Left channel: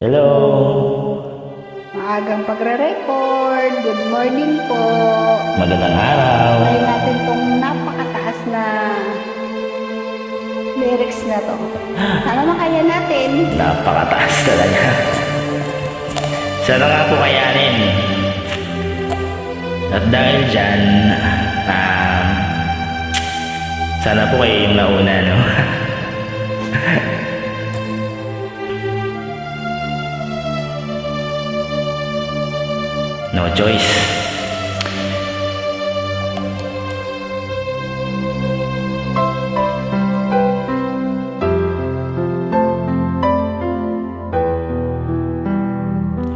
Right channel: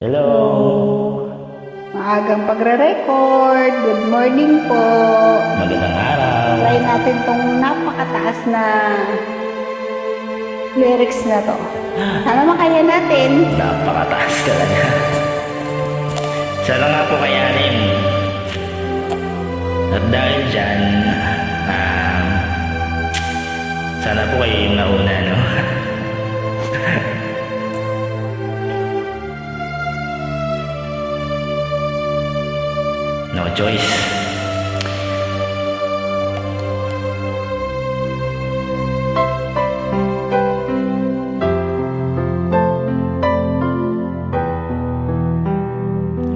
Hello! Maagang pagre-record. Good morning po. Magandang araw! Try natin tong napakataas na lyrics na to. Sana makaya natin. Napakataas talaga. Sana nga po kayanin. At dahil dyan, sana po kayo yung nauna, no? No choice.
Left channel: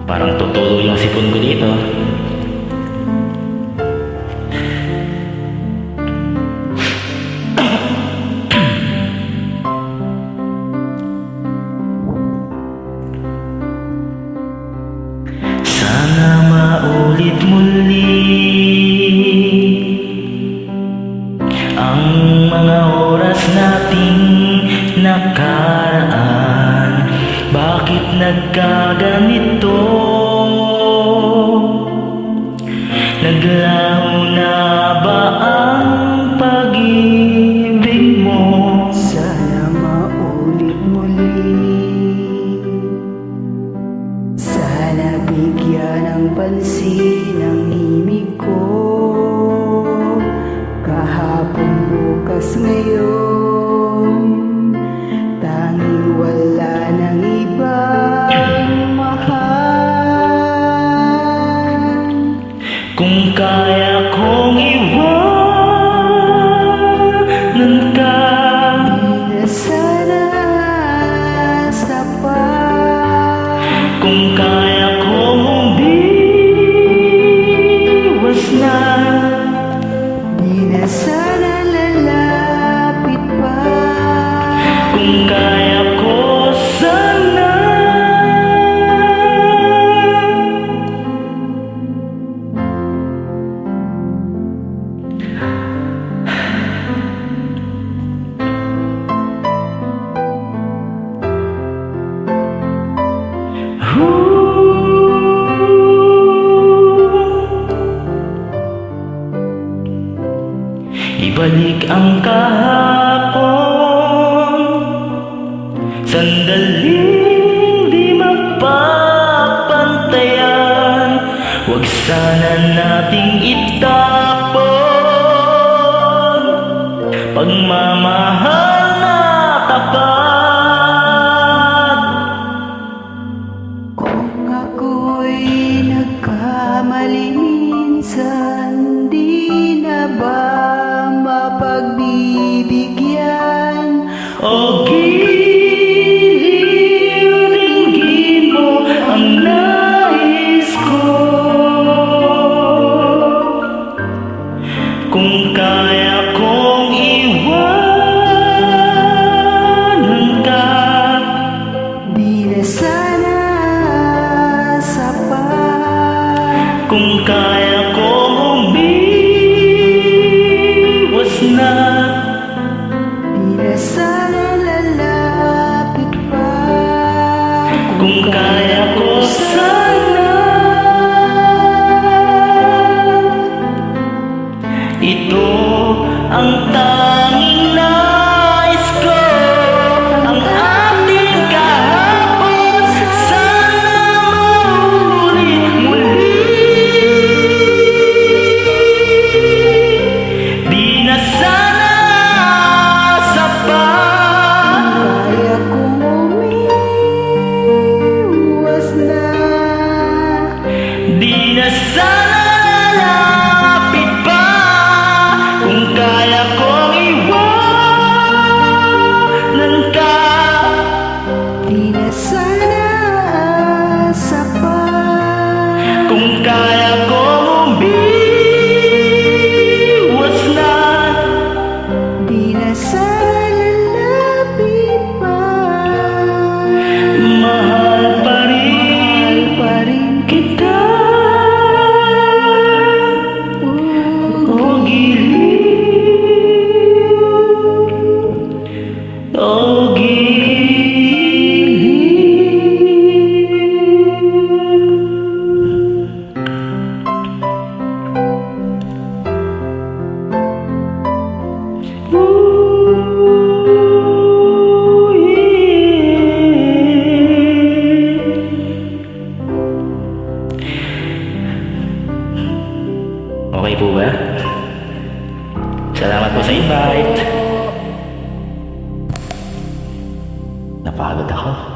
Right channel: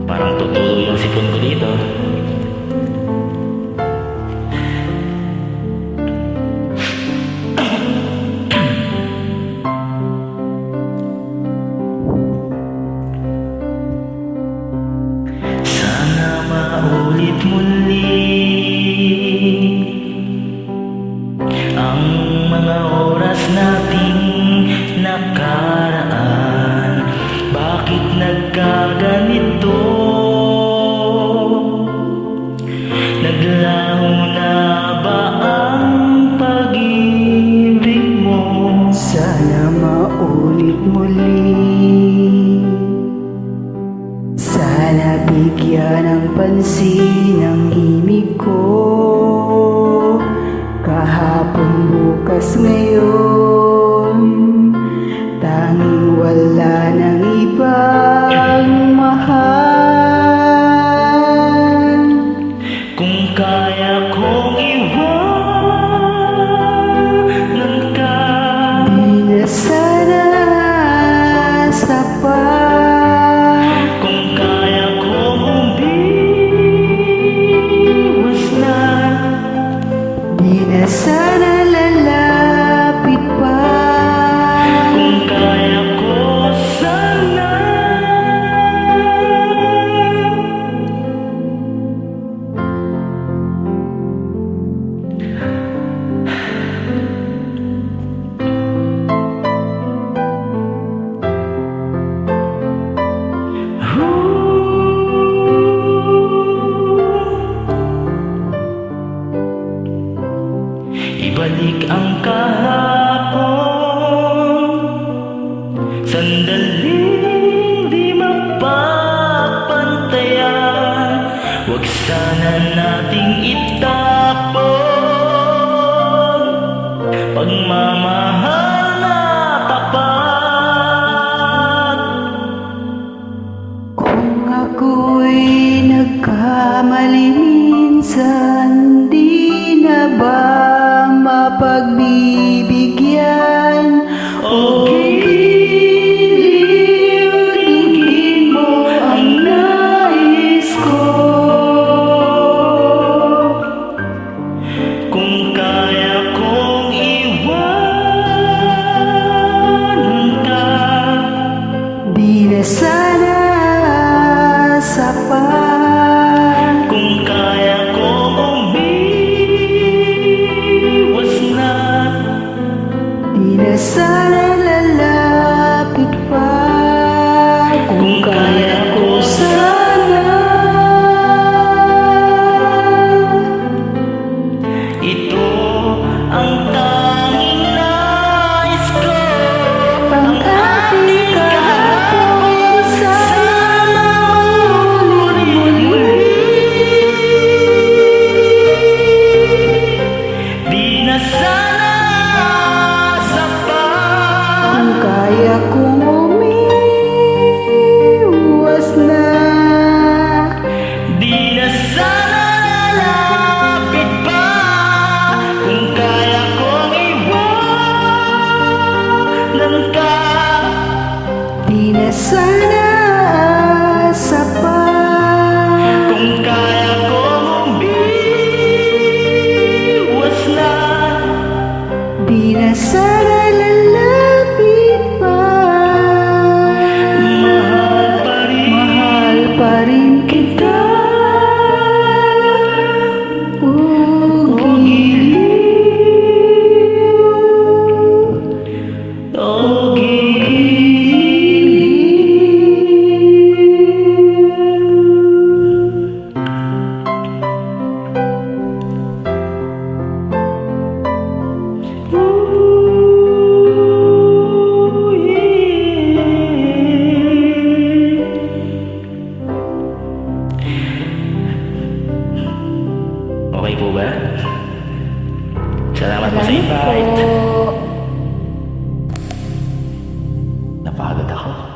Parang tutulo yung sipon ko dito. Sana maulit muli ang mga oras nating nakaraan. Bakit nagkaganito? Naglaho na ba ang pag-ibig mo? Sana maulit muli. Sana bigyan ng pansin ang himig ko. Kahapon, bukas, ngayon, tanging wala ng ibang mahal. Kung kaya kong iwanan ka, Di na sana sapat. kung kaya kong umiwas na, Di na sana lalapit pa. kung kaya ko sana. Ibalik ang kahapon, sandaling di mapapantayan. Huwag sana nating itapon pagmamahal na tapat. Kung ako'y nagkamali minsan, di na ba mapagbibigyan? O giliw, dinggin mo ang nais ko. Kung kaya kong iwanan ka, Di na sana sapat. kung kaya kong umiwas na, Di na sana lalapit pa. kung kaya ko sana. Ito ang tanging nais ko, ang ating kahapon. Sana maulit po ba? Salamat po sa invite. Po. Napagod ako.